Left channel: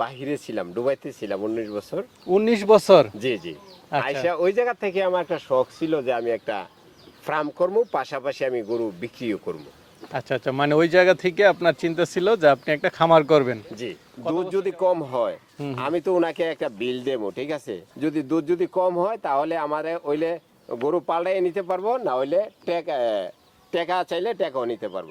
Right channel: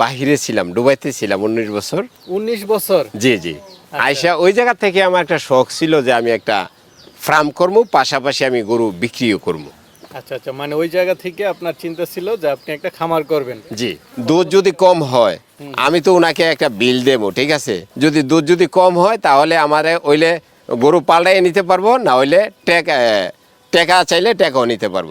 বাহিরে ছিলাম ডুবাইতে ছিলাম উনিশ বছর। উনিশ বছর? জি জি। আয়সা ওই জায়গা থেকে আমার একটা শখ ছিল যে আমি একটা ফার্ম করব পাশাপাশি আমি গরু বিক্রিও করব আচ্ছা আচ্ছা মানে ওই জায়গা থেকে আপনার চিন্তা ছিল যে আপনি একটা খামার করবেন। জি দুধ যদি কম হয় আমি তো ওনাকে একটা বিল দেবো ঠিক আছে? যদি দুধ যদি কম হয় তাহলে আমার ওইলে গরু পাল্টাই নিতে পারব না হইলে টেকা টেকা চাইলে টেকাও নিতে পারব।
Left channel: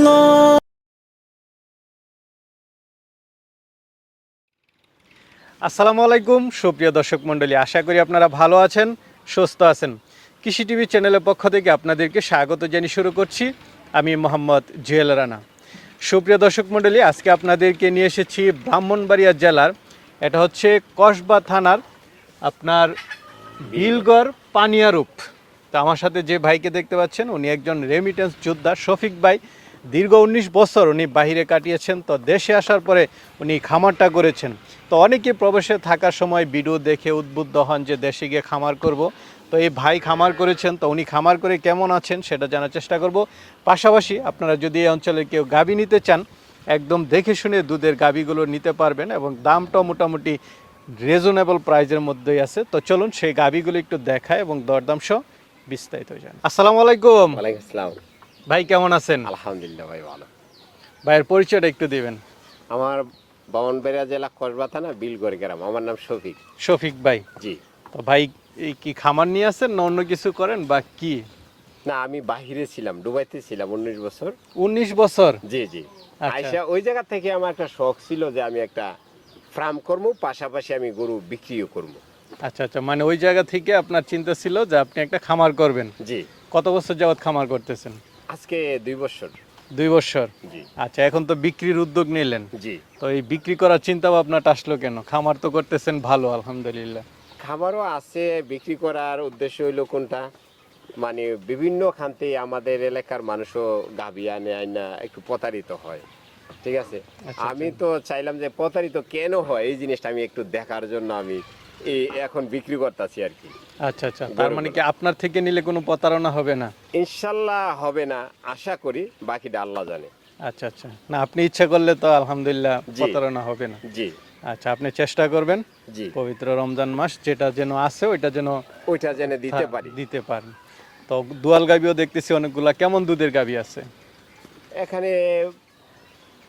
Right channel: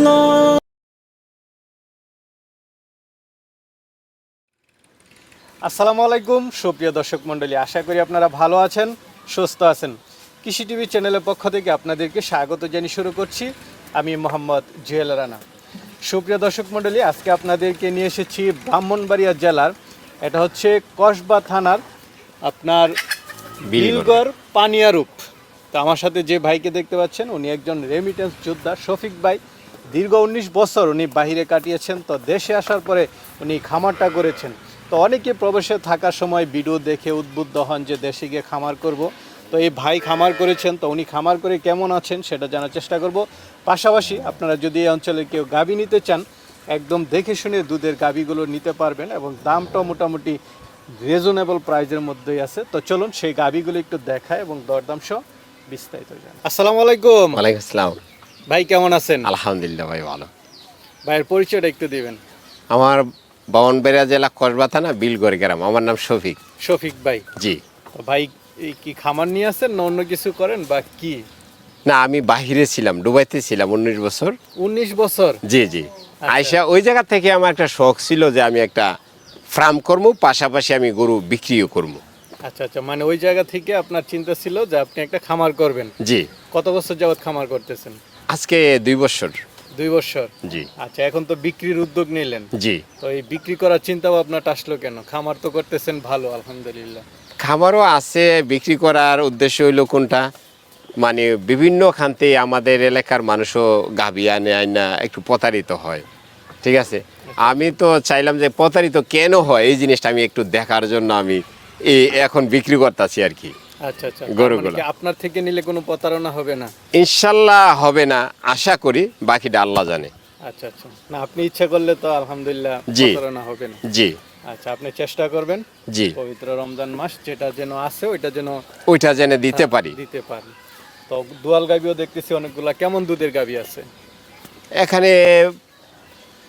আসসালামু আলাইকুম সুপ্রিয় দর্শক মণ্ডলী আশা করি আপনারা ভালো আছেন সুস্থ আছেন। কৃষি টিভি চ্যানেলের পক্ষ থেকে আপনাদেরকে স্বাগত জানিয়ে শুরু করছি। আমি মোহাম্মদ জুয়েল রানা। সুপ্রিয় দর্শক মণ্ডলী আজকে আপনাদেরকে নিয়ে এসেছি ব্রাহ্মণবাড়িয়া জেলার এটা হচ্ছে কসবা থানার আপনার বিলগড়। পানিয়ারূপ তো আমার সাথে যে ভাইকে দেখতে পাচ্ছেন উনি একজন রেমিটেন্স যোদ্ধা শফিক ভাই। দীর্ঘ উনিশ বছর উনি বাহিরে কাটিয়েছেন, তো দেশে আসার পরে উনি খামারটা করেছেন তো অনেকে প্রবেশে থাকার সময় ভিডিও দেখে উদ্বুদ্ধ হন যে দেশে গিয়ে খামার করব। তো এই ভাই খামার করেছেন, তো উনি খামার করে কেমন আছেন সেটা জানার চেষ্টা করব। পাশাপাশি আপনারা যদি এই অঞ্চলে কেউ গাবি নিতে চান, একদম দেখে শুনে দুধের গাবিগুলো নিতে পারবেন এবং দামটাও মোটামুটি রিজনেবল প্রাইজের মধ্যেই আছে। তো চলুন সেই গাবিগুলো একটু দেখায় এবং দরদাম সহ বিস্তারিত যান আসসালামু আলাইকুম। ওয়ালাইকুম আসসালাম। ভাই কেমন আছেন? আলহামদুলিল্লাহ ভাই ভালো। ভাইয়ের পরিচয়টা একটু দিবেন। আমার বামনবেড়া জেলা কসবা থানা বিলগড় গ্রাম। আমার নাম শফিক। শফিক ভাই। জি। ভাই কি খামার নিয়ে আসেন না অন্য কিছু করেন বা কি? না আমি বাহিরে ছিলাম ডুবাইতে ছিলাম উনিশ বছর। উনিশ বছর? জি জি। আয়সা ওই জায়গা থেকে আমার একটা শখ ছিল যে আমি একটা ফার্ম করব পাশাপাশি আমি গরু বিক্রিও করব আচ্ছা আচ্ছা মানে ওই জায়গা থেকে আপনার চিন্তা ছিল যে আপনি একটা খামার করবেন। জি। কত বছর যাবত খামার করতেছেন? আজকে দুই বছর। দুই বছর? জি। আচ্ছা এখন তো বিক্রির উদ্যোগ নিলেন। জি। তো এই বিক্রি করার চিন্তা ভাবনাটা আসলো কেন? খামার তো করতেছেন ভালো আলহামদুলিল্লাহ। খামারও আছে বিক্রি করার উদ্দেশ্য হইল কোনটা? মানে বিভিন্ন খান্তে আমাদের এলাকার মানুষও গাভি আনে আইনা একটু প্রতারিত হয়। ঠিক আছে? আমি তো চাইলাম যে প্রতারিত কেন হয়? এই জিনিসটা আমি একটু দেখার জন্য আমি এই এখন বিক্রি করতেছি আর কি। আচ্ছা আচ্ছা। গরুগুলো। মানে আপনার থেকে নিলে কোনো প্রতারণা হবে না? ইনশাল্লাহ হবে না আশা করি বাকিটা আল্লাহ জানে। আচ্ছা আচ্ছা। না আপনি ইচ্ছা করলে তো আলহামদুলিল্লাহ প্রতারণা হবে না। জি। আচ্ছা আপনি চেষ্টা করবেন জি। পবিত্র রমজান মাস যেটা যেন আছে ওইটা যেন ওইটা জেনে দিতে পারি। দিতে পারেন তো দুয়াল গাবিও দেখতেছি অনেকগুলা। কেমন দুধের গাবি আছে? এখানে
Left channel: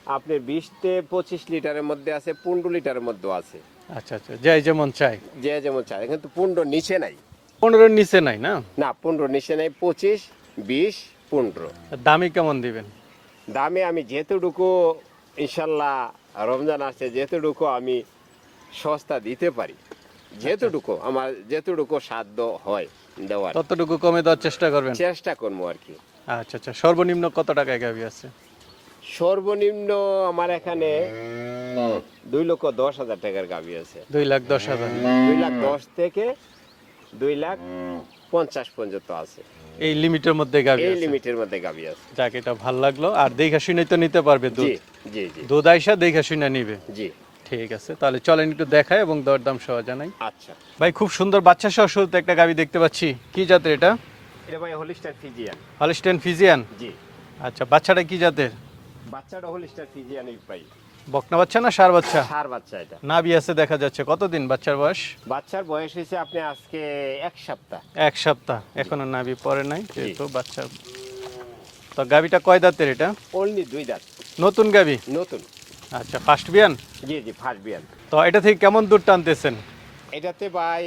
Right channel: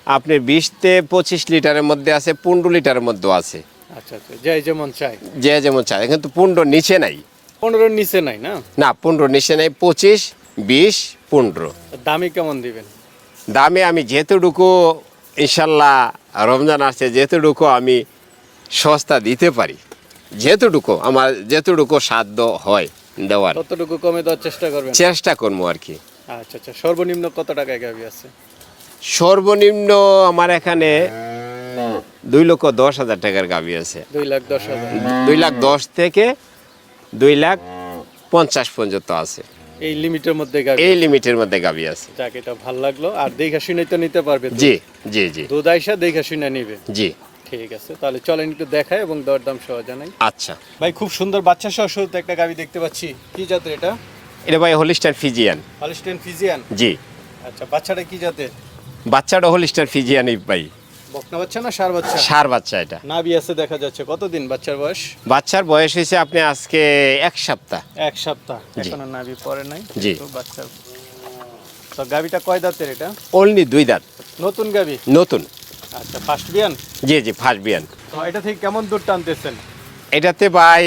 আপনার বিশতে পঁচিশ লিটারের মধ্যে আছে পনেরো লিটারের মধ্যে আছে। আচ্ছা আচ্ছা। যাই যেমন চাই। যে যেমন চায় কিন্তু পনেরো নিচে নাই। পনেরোর নিচে নাই না? না পনেরো নিচে নাই। পঁচিশ বিশ পনেরো। দামি কেমন দিবেন? দামে আমি যেহেতুটুকু ইনশাল্লাহ রমজান আসছে যেহেতুটুকু আমি সস্তা দিতে পারি। যেহেতুটুকু আমার যেহেতুটুকু সাধ্য হয় দেওয়ার। ততটুকু কমে দেওয়ার চেষ্টা করবেন? চেষ্টা করব আর কি। আচ্ছা আচ্ছা। সর্বনিম্ন কত টাকায় গাবি আছে? সর্বনিম্ন আমার এখানে দুই লক্ষ দশ হাজার টাকার গাবি আছে। দুই লাখ দশ হাজার। দুই লাখ দশ থেকে দুই লাখ পঞ্চাশ পর্যন্ত আছে। এই লিমিটের মধ্যে গাবি এই লিমিটের মধ্যে গাবি আছে। যাক এটা ভালো লাগল। আর দেখা শুনে তো নিতে পারবে জি জি জি। দুধ আইসা দেখা শুনে নিবে। জি। ঠিক আছে তাহলে চলেন একটু দেখাই এবং দরদাম সহ জানাই। আচ্ছা। ভাই খুব সুন্দর বাচ্চা সহ শুরুতে একটা গাবি দেখতে পাচ্ছি। কি জাতের এটা? এটা ভাই হোলিস্টার ফিজিয়ান। Holstein Friesian? জি। আচ্ছা বাচ্চাটা কি জাতের? বাচ্চাটা হোলিস্টার ফিজিয়ানই ভাই। বকনা বাচ্চা না সার বাচ্চা? সার বাচ্চা এটা। নাভি আছে দেখা যাচ্ছে। কতদিন বাচ্চার বয়স? বাচ্চার বয়স হয়েছে আপনি আজকে এক সপ্তাহ। এক সপ্তাহ। এখনও নাভি পরে নাই। কিন্তু বাচ্চা তো গাবিটা কয় দাঁতের এটা? অনলি দুই দাঁত। নতুন গাবি নতুন। আচ্ছা ফার্স্ট বিয়ান জি জি ফার্স্ট বিয়ান তো এটা থেকে কেমন দুধ টানতেছেন? এটাতে ভাই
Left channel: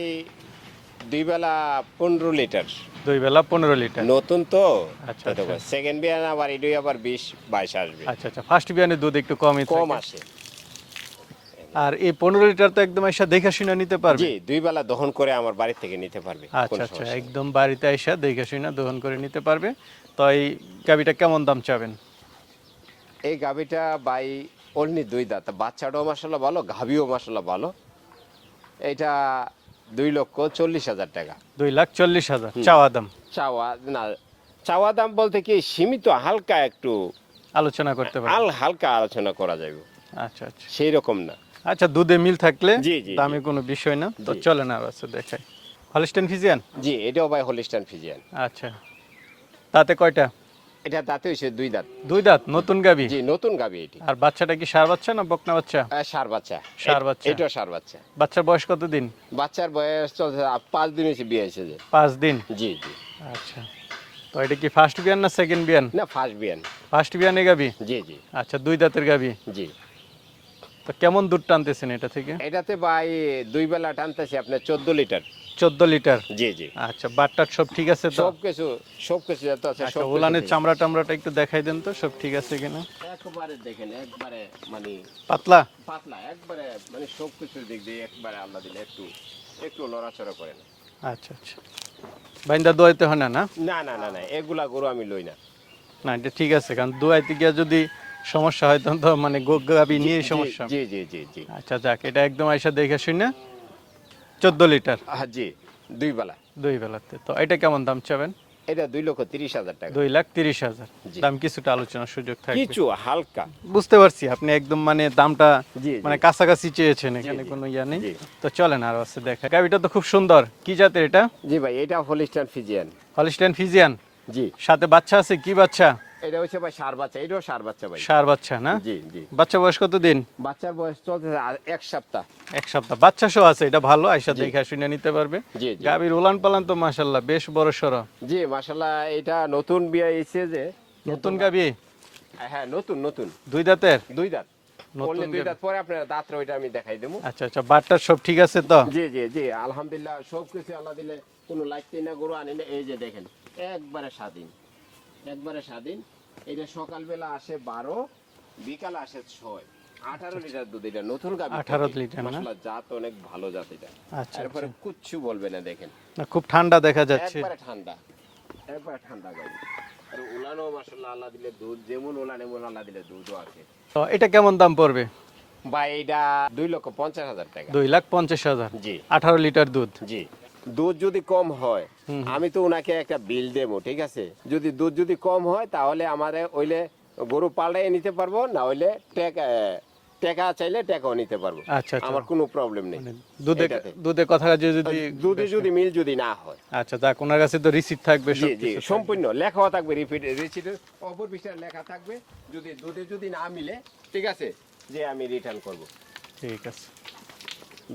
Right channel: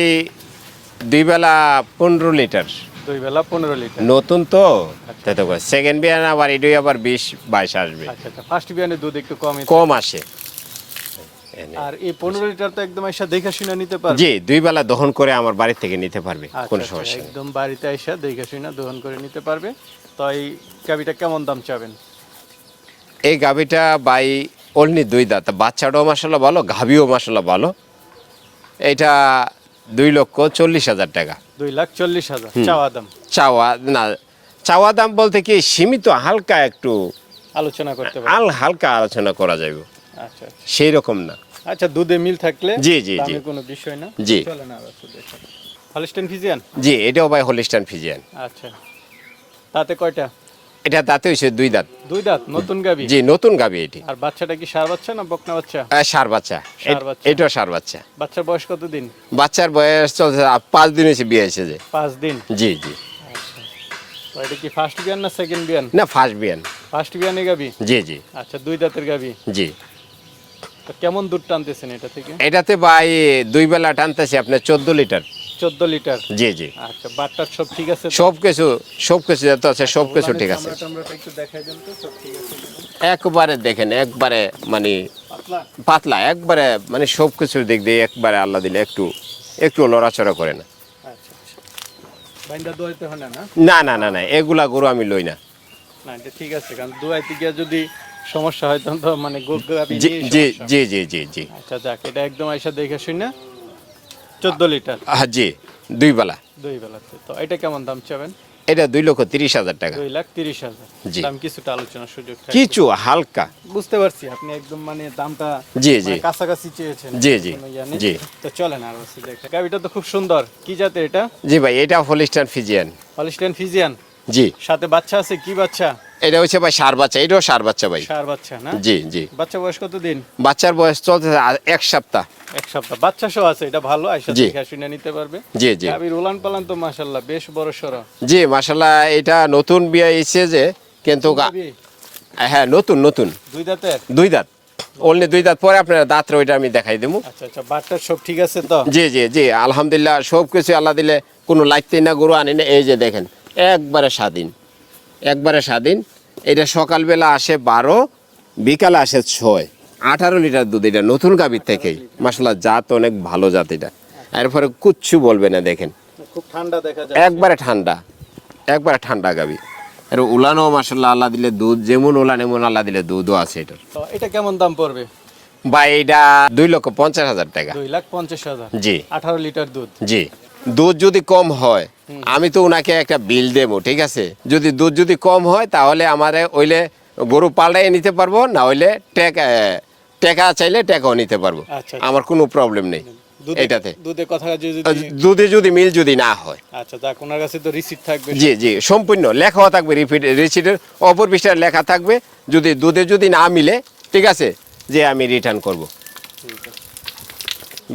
দুই বেলা পনেরো লিটার। দুই বেলা পনেরো লিটার। নতুন তো? আচ্ছা। তাই তো সেকেন্ড বিয়ান আবার এটাই আবার বিশ বাইশ আসবে। আচ্ছা আচ্ছা। ফার্স্ট বিয়ানের দুধ একটু কমই কম আসে। আর এই পনেরো লিটার তো একদম এসে দেখে শুনে নিতে পারবে। জি দুই বেলা দহন করে আমার বাড়ি থেকে নিতে পারবে আচ্ছা, কোনো আচ্ছা, সমস্যা একদম বাড়িতে এসে দেখে শুনে দহন করে নিতে পারবে। তো এই গাবিটা কেমন দাম চাবেন? এই গাভিটা বাই অনলি দুই দাঁত। বাচ্চাটাও মাসাল্লাহ ভালো গাভিও মাসাল্লাহ ভালো। এটা দুই লক্ষ চল্লিশ হাজার টাকা। দুই লাখ চল্লিশ হাজার। চাওয়া দাম। চাওয়া না চাওয়া দাম বলতে কি সীমিত হালকা একটু আলোচনা করতে পারি। আল হালকা আলোচনা করা যাবে আচ্ছা আচ্ছা। সেই রকম না। আচ্ছা দুধে মিল থাকলে জি, জি, জি। কোনো বিষয় না। জি। চলে না আচ্ছা দেখাই। হলিস্টান ফিজিয়ান জি এটাও ভাই হলিস্টান ফিজিয়ান আচ্ছা। তাতে কয়টা? এটা দাঁতে হয়েছে দুই দাঁত। দুই দাঁত নতুন গাবি? জি নতুন গাবি এটি। আর বাচ্চাটা কি সার বাচ্চা না বকনা বাচ্চা? ষাঁড় বাচ্চা। ষাঁড় বাচ্চা। এটাও সার বাচ্চা। বাচ্চার বয়স কত দিন বাচ্চার বয়স চলছে পাঁচ দিন হয়েছে বিয়ে হয়েছে যে। পাঁচ দিন? জি জি। আচ্ছা। তো এটা কি ফার্স্ট বিয়ান না সেকেন্ড বিয়ান? না ফার্স্ট বিয়ান। ফার্স্ট বিয়ানে গাবি? জি জি। আচ্ছা দুই দাঁতের গাবি? জি। তো কেমন দুধ টানতেছেন এটা থেকে? এটাতে ভাই দুই বেলা টানতেছি আপনার চোদ্দ লিটার। চোদ্দ লিটার? জি জি। আচ্ছা বাটটার সব ঠিক আছে সব কিছু সব কিছু যত আছে সব কিছু ঠিক চামড়া আছে। টামড়াটা একটু দেখাই দেন তো সব ঠিক আছে কিনা? একবারে দেখেন একবারে মানে পাতলা? পাতলা একবারে মানে সব কিছুর দিক দিয়ে একবারে আল্লাহ দিলে একটু একটু লড়াচড়া করে না। আচ্ছা আচ্ছা। বাইন্দা দোয়াইতে হয় না না? না না না না এগুলা গরু আমি লই না। না এটা ঠিক আছে কারণ দোয়াইতে গিয়ে যদি সমস্যা হয় তখন তো মানে গুড় গাবি জি নিয়ে জি সমস্যা। জি জি জি জি। আচ্ছা যাক এটা একদম আইসা দেখে শুনে চোদ্দ লিটার। হ্যাঁ জি দুই বেলা। দুই বেলাতে। তো এটা কেমন দাম চাবেন? এটা দুই লক্ষ তিরিশ হাজার টাকা। দুই লাখ তিরিশ হাজার। জি। দাম কিছুটা আলোচনার সুযোগ থাকবে। কিছু হালকা। বুঝতে পারছি আপনি একদম মানে দামটা জি, মানে জি। কাছাকাছি চেয়েছেন জি, জি। জি। তো চলেন আর আছে দেখা। গাবিটা তো খুব সুন্দর। কি জাতের এটা? জি ভাই এটা হলিস্টান ফিজিয়ান। Holstein Friesian? জি। সাথে বাচ্চা আছে? কি বাচ্চা? এটা হচ্ছে ভাই সার বাচ্চা এটাও সার বাচ্চা ভাই। সার বাচ্চা না? জি জি। বাচ্চা বয়স কত দিন বাচ্চার বয়স চলতে এক সপ্তাহ। এক সপ্তাহ। বাচ্চা সহ আছে এটা ভালো আইসা দেখে শুনে নিতে পারবে। জি জি। গাবির উলান পালান তো মাশাল্লাহ বেশ বড় সড়ো। জি মাসাল্লাহ এটা নতুন বিয়ে এসে যে কিন্তু হ্যাঁ নতুন নতুন। দুই দাঁতের? দুই দাঁত। অনলি দুই দাঁত পরে আপনার দাঁত ওইটা আমি দেখাই দেবো আচ্ছা আচ্ছা বাটটার সব ঠিক আছে তো? জি জি জি আলহামদুলিল্লাহ সব কিছু আল্লাহ দিলে কোনো লাগতেই না গরু আনি না এই যে দেখেন একবারে স্বাধীন। একবারে স্বাধীন। এটা সকালবেলা আসে বারো বিকালে আসে ছয়। আঠারো লিটার দুধ এটা নতুন গাভীর থেকে। লিটার, মাসাল্লাহ জাত অনেক ভালো জাত এটা। এরপরে কুচ্ছু বলবে না দেখেন। খুব ঠান্ডা দেখা যায় একবারে ঠান্ডা একবারে ঠান্ডা গাবি আর উলানো মাসাল্লাহ আল্লাহ দিলে দুধ যেমন উলান এমন আল্লাহ দিলে দুধও আছে এটার। তো এটা কেমন দাম পড়বে? বা এটা দুই লক্ষ পঞ্চাশ হাজার টাকা। দুই লাখ পঞ্চাশ হাজার। জি। আঠারো লিটার দুধ। জি। দুধ যদি কম হয় আমি তো ওনাকে একটা বিল দেবো ঠিক আছে? যদি দুধ যদি কম হয় তাহলে আমারে ওইলে গরু পাল্টাই নিতে পারব না হইলে টেকা টেকা চাইলে টেকাও নিতে পারব। আচ্ছা, আচ্ছা। আমার কোনো প্রবলেম নেই এটাতে। দুধের কথা দুধে যদি মিল যদি না হয়। আচ্ছা যাক ওনার কাছে তো রিসিপ্ট থাকবে জি জি সম্পূর্ণ লেখাও থাকবে রিপিট রিসিটের অপর পৃষ্ঠায় লেখা থাকবে। যদি দুধে যদি না মিলে ঠিক আছে যে আমি রিটার্ন করব। ঠিক আছে।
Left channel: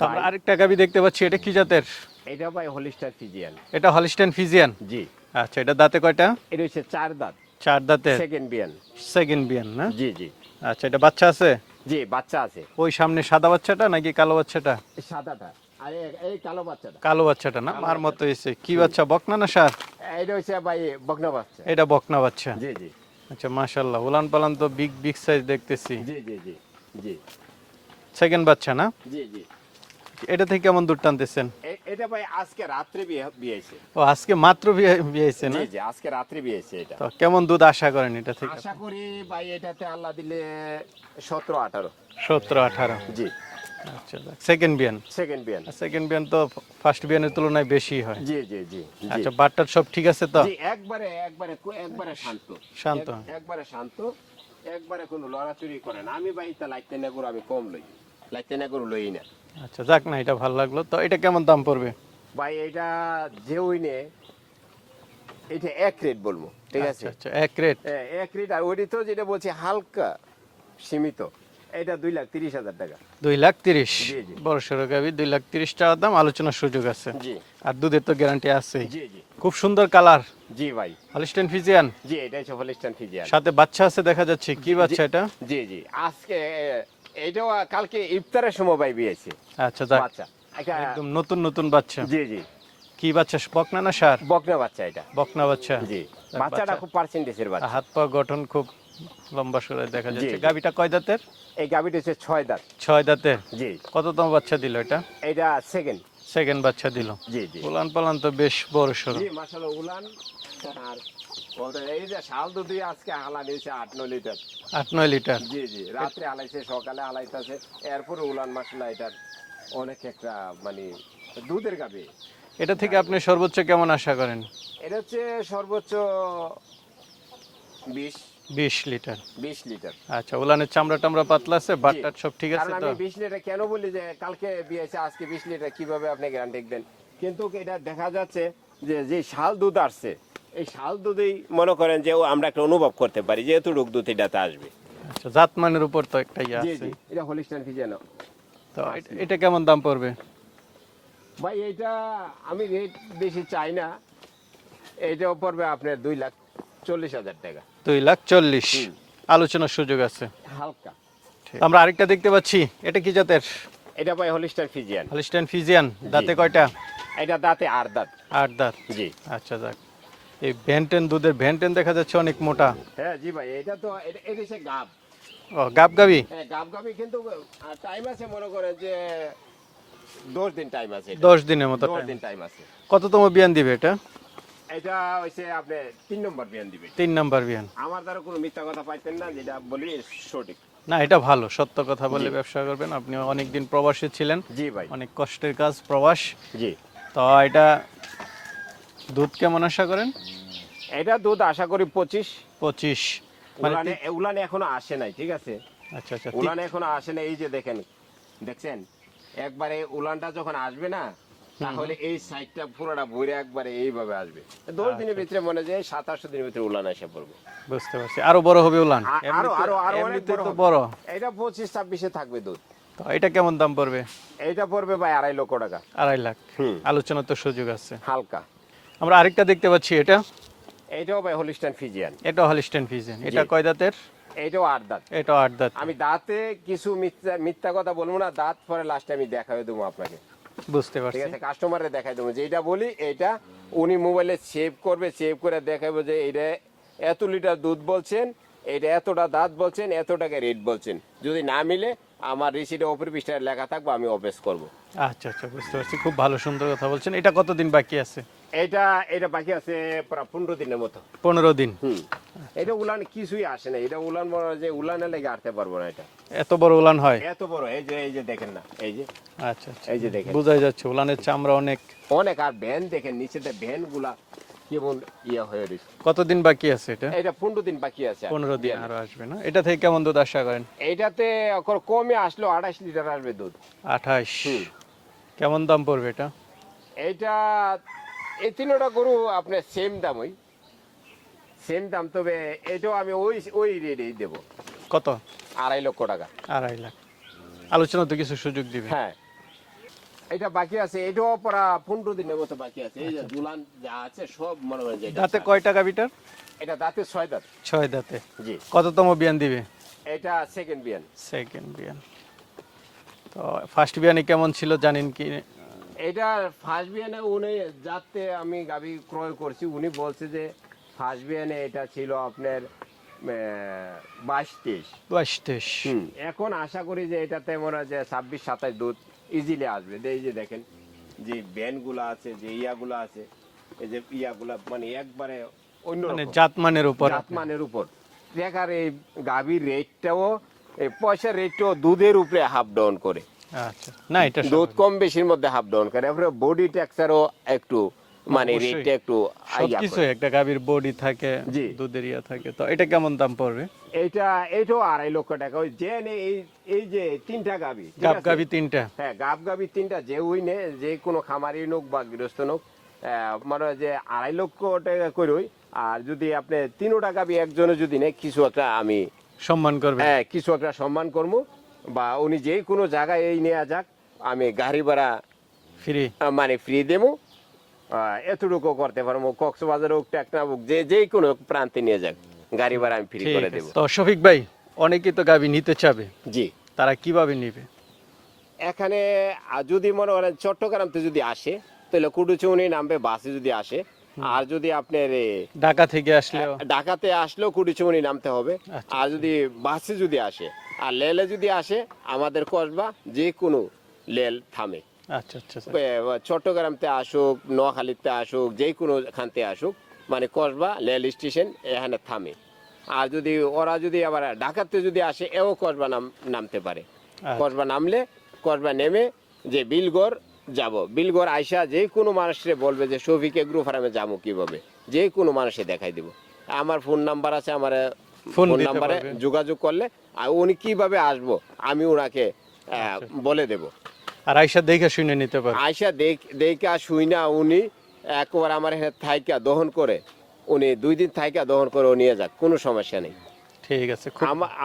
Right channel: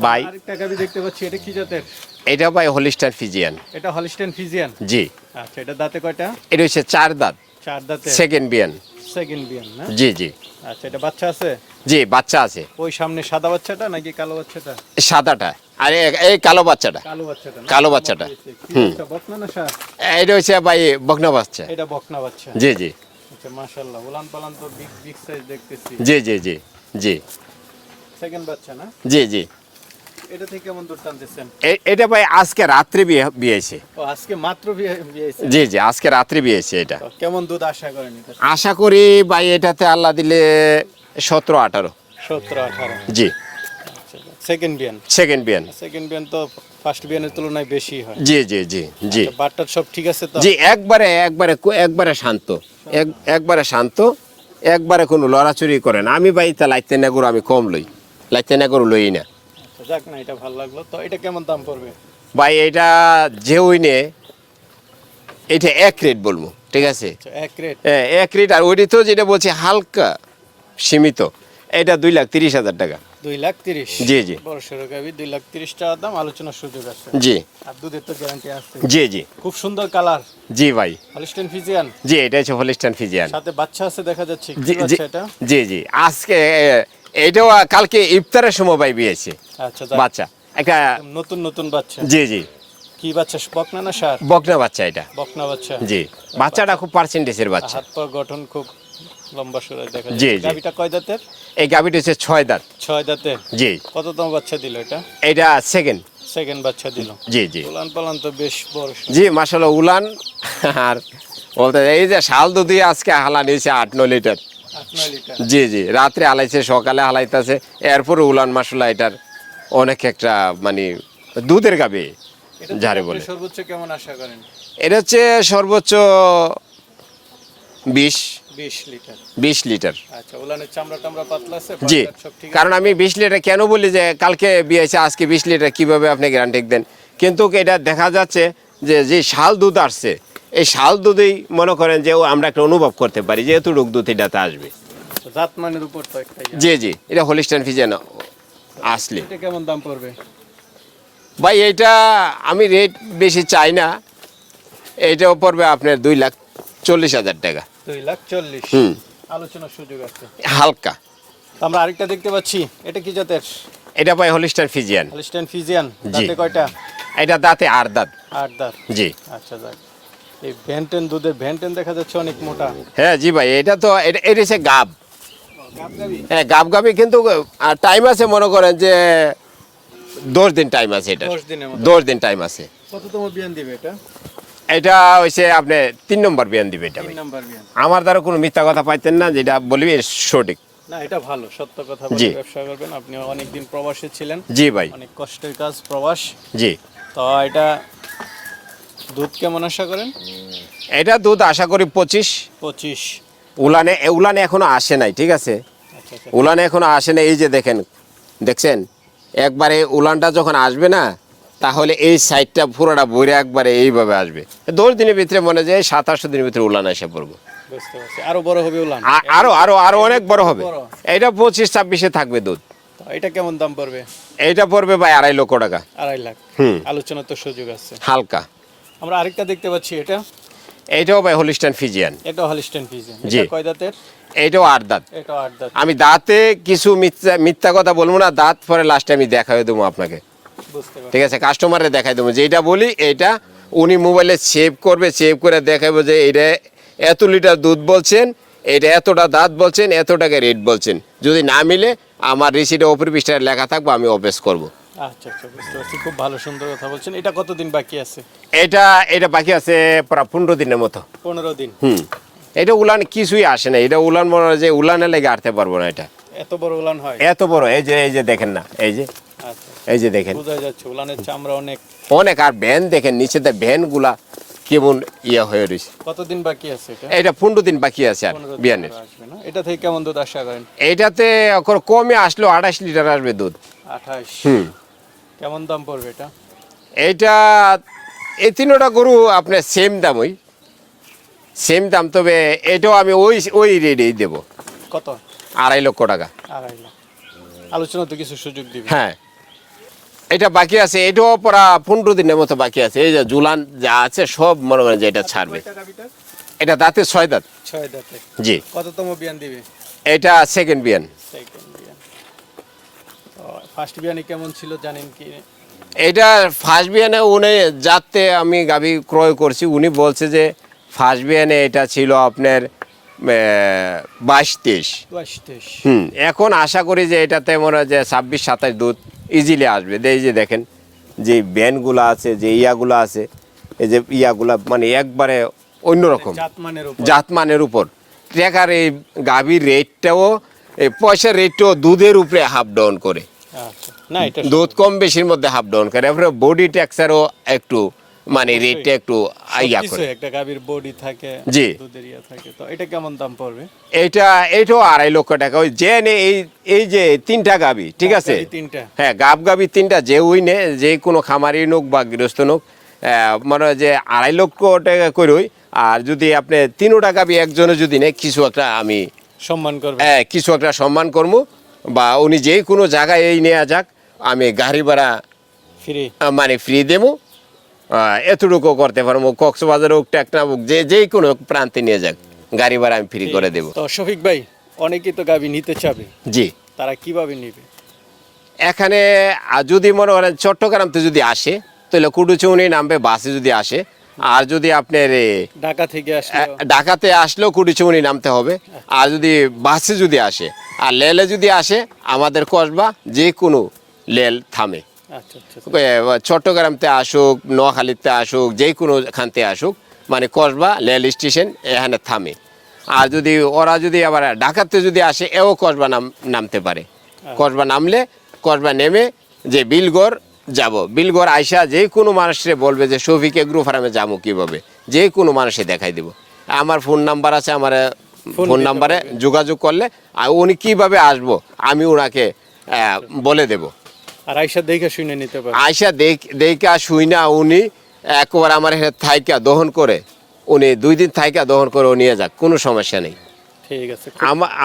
বাই আরেকটা গাবি দেখতে পাচ্ছি এটা কি জাতের? এটা ভাই হলিস্টার ফিজিয়ান। এটা হলিস্টেন ফিজিয়ান? জি। আচ্ছা এটা দাঁতে কয়টা? এটা হচ্ছে চার দাঁত। চার দাঁতে? সেকেন্ড বিয়ান। সেকেন্ড বিয়ান না? জি জি। আচ্ছা এটা বাচ্চা আছে? জি বাচ্চা আছে। ওই সামনে সাদা বাচ্চাটা নাকি কালো বাচ্চাটা? সাদাটা। আর এই কালো বাচ্চাটা। কালো বাচ্চাটা না? কালো বাচ্চাটা। কি বাচ্চা বকনা না সার? এটা হচ্ছে ভাই বকনা বাচ্চা। এটা বকনা বাচ্চা। জি জি। আচ্ছা মাশাআল্লাহ। উলান পালান তো বিগ বিগ সাইজ দেখতেছি। জি জি জি। জি। সেকেন্ড বাচ্চা না? জি জি। এটা থেকে কেমন দূর টানতেছেন? এটা ভাই আজকে রাত্রে বিয়ে বিয়েছে। ও আজকে মাত্র বিয়ে বিয়েছে? জি জি আজকে রাত্রে বিয়েছে এটা। কেমন দুধ আশা করেন এটা? আশা করি ভাই এটাতে আল্লাহ দিলে সতেরো আঠারো। সতেরো আঠারো। জি। সেকেন্ড বিয়ান সেকেন্ড বিয়ান সেকেন্ড বিয়ান তো ফার্স্ট বিয়ানের তুলনায় বেশি হয়। জি জি জি জি। আচ্ছা, সব ঠিক আছে তো? জি একবারে একবারে একবারে শান্ত। শান্ত। এক- একবারে শান্ত একবারে কোনো লড়াচড়ি করে না আমি ভাই তা লাইতে না গরু আমি কম লই। লাইতে না গরু লই না। যাক না এটা ভালো লাগল। তো এটা কেমন দাম পড়বে? ভাই এটা যে উইনে এটা এক রেট বলব ঠিক আছে? আচ্ছা এক রেট। হ্যাঁ, এক রেট আর ওইটি তো যেটা বলছি হালকা সীমিত এটা দুই লাখ তিরিশ হাজার টাকা। দুই লাখ তিরিশ? জি, জি। বড় সড়ো গাবি দুই লাখ তিরিশ টাকা দাম আলোচনার সুযোগ আছে। জি। আর দুধের তো গ্যারান্টি আছে। জি জি। খুব সুন্দর কালার। জি ভাই। হলিস্টেন ফিজিয়ান জি এটা হচ্ছে হলিস্টান ফিজিয়ান সাথে বাচ্চা আছে দেখা যাচ্ছে। কি বাচ্চা এটা? জি জি। আজকে এটাও কালকে ইফতারের সময় বিয়েছে। আচ্ছা বাচ্চা। একটা নতুন নতুন বাচ্চা। জি জি। কি বাচ্চা বকনা না সার? বকনা বাচ্চা এটা। বকনা বাচ্চা। জি। বাচ্চাটা খুব পার্সেন্টেজের বাচ্চা। হাত পা গঠন খুব লম্বা সুরে দেখা যায়। গাবিটা কয় দাঁতের? এই গাভিটা হচ্ছে ছয় দাঁত। ছয় দাঁতের। জি। কততম বাচ্চা দিল এটা? এটা সেকেন্ড সেকেন্ড বাচ্চা দিল। জি জি। উলান পালান তো বেশ বড় জি মাসাল্লাহ উলান। আর বলতে এই যে শাল দুধই আজকে হালা নিয়েছে আট ন লিটার। জি জি রাত্রে হালাইছে সকালে হালাইতেছে এরপরে উলান মাসুলা এটার অনেক একটা মানে দুধের গাবে এটা আপনি সর্বোচ্চ কেমন আশা করেন? এটা হচ্ছে সর্বোচ্চ বিশ। বিশ লিটার। বিশ লিটার। আচ্ছা উলানের চামড়া টামড়া পাতলা আছে জি সব ঠিক কারণ আমি বিশ লিটার কেন বলি যে কালকে বিয়েছে আজকে বিশ লিটার কীভাবে আপনি গ্যারান্টি দেন? কিন্তু এটা দেখা যাচ্ছে যে যে শাল দুধ আসছে এই শাল দুধেই মনে করেন যে ও আমরা একটা অনুভব করতে পারি যেহেতু রোগ দুধ এটাতে আসবে। জাতমানের উপর তো একটা জি জি এটা হোলিস্টান ফিজেন আসলে। এটা কেমন দাম পড়বে? ভাই এটা আমি রেট বেশি চাই না। এটাও পড়বে আপনার দুই লাখ চল্লিশ হাজার টাকা। দুই লাখ চল্লিশ। আলোচনার সুযোগ আছে। হালকা। আমরা আরেকটা দেখতে পাচ্ছি। এটা কি জাতের? এটা ভাই হোলিস্টার ফিজিয়ান। Holstein Friesian. দাঁতে কয়টা? এটা দাঁতে আর দাঁত। আট দাঁত। জি। আচ্ছা যাক। এই ভ্যান্টেন দুধের ভ্যান্টেন দেখা যাচ্ছে অনেক মোটা। হ্যাঁ জি ভাই এটা তো এটা এটা হচ্ছে গাব। গাব গাবি হ্যাঁ গাব গাবি কিন্তু টাইম আছে মনে করেন যে দশ দিন টাইম আছে এটা। দশ দিনের মতো। দশ দিন টাইম আছে। কততম বিয়ান দিবে এটা? এটা আপনি তিন নম্বর বিয়ান দিবে এটা তিন নাম্বার বিয়ান। আমার দ্বারা কোনো মিথ্যা কথা পাইতেন না যেটা বলবি সঠিক। না এটা ভালো সত্য কথা বলে ব্যবসা করবেন। আপনি অনেকদিন প্রবাসী ছিলেন। জি ভাই। অনেক কষ্টের কাজ প্রবাস। জি। তো এটা দুধ কেমন আশা করেন? এটা দুধ আশা করি পঁচিশ। পঁচিশ। উলানে উলানে এখনও আসে নাই ঠিক আছে? আচ্ছা আচ্ছা। উলানে এখনও আসে নাই এই যে দেখেন দেখছেন? একবারে উলানটা যখন আসবে না তাহলে এই সাইডটা পুরোটা বইরে একবারে এইভাবে আসবে। দশ দিনের ভিতরে মনে যায় সাত আটশো দিনের ভিতরে উলান এসে পড়ব। বুঝতে পারছি। আরও বড় হবে উলান? আরও আরও আরও অনেক বড় হবে। এটা পঁচিশ ছাব্বিশে থাকবে দুধ। এটা কেমন দাম পড়বে? এইটা পড়বে ভাই আড়াই লক্ষ টাকা। আড়াই লাখ। হুম। আলোচনার তো সুযোগ আছে। হালকা। আমরা আরেকটা দেখতে পাচ্ছি এটা? এটাও ভাই হোলিস্টান ফিজিয়ান এটা হলিস্টেন ফিজিয়ান এটা কয় দাঁতের? এইটাও আট দাঁত। এটা আট দাঁত। আমি দাঁতে কিছু মিথ্যা মিথ্যা কথা বলব না দাঁত পরে লাস্টে আমি দেখাই দেবো আপনাকে। বুঝতে পারছি। ঠিক আছে কাস্টমারে দেখাই দেবো। যেটা বলি এইটা উনি মোবাইলে সেভ করবে সেভ করে দেখাবো যে এইটা এত লিটার দুধ বলছেন এটা এতটা দাঁত বলছেন এত টাকা রেট বলছেন। যদি না মিলে আমার রিসিটে পৃষ্ঠায় লেখা থাকব আমি অফিস করব। আচ্ছা আচ্ছা বুঝতে পারছি। খুব ভালো সুন্দর কথা বলছেন। এটা কতদিন বাকি আছে? এটা এটা বাকি আছে প্রায় পনেরো দিনের মতো। পনেরো দিন? হুম। এটা উলান কিছুই আসে না। এটা উলান মনে হয় যে উলানে লেগে আটতে পারব না এটা। এত বড় উলান হয়? এত বড় এই যে এই যে দেখেন না এই যে। আচ্ছা এই যে দেখেন। বোঝাই যাচ্ছে উলানের চামড়া অনেক। অনেক আর ভ্যান দেখেন নিচেতে ভ্যানগুলা কেমন ইয়ে হয়ে রয়েছে কতদিন বাকি আছে এটা? এটা পনেরো দিন বাকি আছে আর বিয়ানের। এটা থেকে কেমন দুধ আশা করেন? এইটাতে এখন কমে আসলো আঠাশ লিটার আসবে দুধ। আঠাশ। হুম। কেমন দাম পড়বে এটা? এইটা এই তিনোটা গরু আপনার সেম দাম ওই সেম দাম তবে এটাও আমি ওই ওই রেটেই দেবো। কত? আড়াই লক্ষ টাকা। আড়াই লাখ। আলোচনা তো কিছু সুযোগ দিবে। হ্যাঁ। এটা বাকি আছে এটাও পরা পনেরো দিনের মতো বাকি আছে। এই যে জুলান যা আছে সব মনে করেন যে এটা ছাড়বে। কয় টাকা বিটার? এটা দাঁতে ছয় দাঁত। ছয় দাঁতে। জি। কততম বিয়ান দিবে? এটা সেকেন্ড বিয়ান। সেকেন্ড ফার্স্ট বিয়ানে কেমন ছিল জানেন কি? এটা ফার্স্ট বিয়ানে উনি যাতে আমি গাভি ক্রয় করছি উনি বলছে যে ফার্স্ট বিয়ানে এটা ছিল আপনার বাইশ তেইশ বাইশ তেইশ হুম এখন আশা করি যে এটাতে মনে হয় যে ছাব্বিশ সাতাশ দুধ ইজিলি আসবে। এই যে দেখেন যে ব্যানগুলো আছে যে ইয়াগুলো আছে এই যে ইয়াগুলা মানে একবারে অন্যরকম। জাতমানের উপর। জাতমানের উপর। ট্রেকার এই গাভীর রেটটাও এই পয়সার রেটটাও দুধের উপরে হাফ ডাউন করে। দুধ কম বেশির মধ্যে হাফ ডাউন করে এরপরে বডি ট্যাক্সারও একটু মানে। রেটটা একটু ইয়া সবকিছু করে একটা গাভীর বডি থাকে জি। দুধের ইয়া থাকে। তো এটা কেমন দাম পড়বে? এটা এটাও আড়াই লক্ষ টাকা। ওই যে নে এই এই যে তিনটা গাবি ঠিক আছে? তিনটা। হ্যাঁ গাব গাবি তিনটা যে ওই নে যে কোনো খামারি নোক বা গৃহস্থ নোক মানে যে আড়াই লক্ষ টাকা করই আর যদি আপনি তিনোটা গাবি একজনে যদি নেয় কিছু একটা আমি সম্মান করবে। হ্যাঁ কিছু একটা সম্মান করব বা উনি যে কোনো জায়গায় এই নেওয়া যাক আমি গাড়ি ভাড়া ফ্রি মানে ফ্রি দেবো। এতটুকু করতে পারব। কক্সবাজার হোক টেকনা হোক যে যে কোনো প্রান্তে নিয়ে যাক। গাড়ি ভাড়া আমি ফ্রি করে দেবো। তো শফিক ভাই অনেকে তো গাভী নিতে চাবে। জি। তারা কীভাবে নিবে? এখানে যদি মনে করেন চট্টগ্রামতে যদি আসে তাহলে কুটুচৌনি নামবে বাসে যদি আসে। আর যদি আপনার ঢাকা থেকে ঢাকাতে আসলেও কুটুচৌনি নামতে হবে। আর যদি বাসে যদি আসে আর লেলে যদি আসে আমাদের কসবা যে কোনো লেল থামে। আচ্ছা আচ্ছা আচ্ছা। চট্টগ্রামতে আসুক নোয়াখালীতে আসুক যে কোনো খানতে আসুক মানে কসবা রেল স্টেশন এখানে থামে। আর যদি ওরা যদি আবার ঢাকাতে যদি আসে এও কসবা নাম নামতে পারে। কসবা নামলে কসবা নেমে যে বিলগড় যাব। বিলগড় আইসা যে কোনো মানুষে বলবে যে শফিক এগ্রো ফার্মে যাব কীভাবে? যে কোনো মানুষে দেখাই দেব। আমার ফোন নাম্বার আছে আমার ফোন নাম্বারে যোগাযোগ করলে উনি কীভাবে আসব আমি ওনাকে বলে দেব। আর আইসা দেখে শুনে নিতে পারবে। আইসা দেখ দেখা শুই না উনি একবার আমার থাইকা দহন করে উনি দুই দিন থাইকা দহন করে নিয়ে যাক কোনো সমস্যা নেই। ঠিক আছে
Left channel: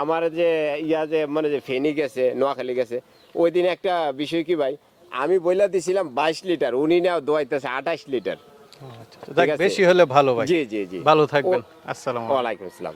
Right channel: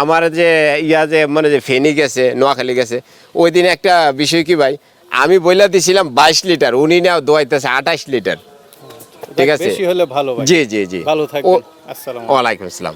আমার যে ইয়া যে মানে যে ফেনি গেছে নোয়াখালী গেছে ওই দিন একটা বিষয় কি ভাই আমি বইলা দিছিলাম বাইশ লিটার উনি না দোয়াইতেছে আঠাশ লিটার। ঠিক আছে। জি জি জি। ভালো থাকবেন। আসসালাম ওয়ালাইকুম আসসালাম।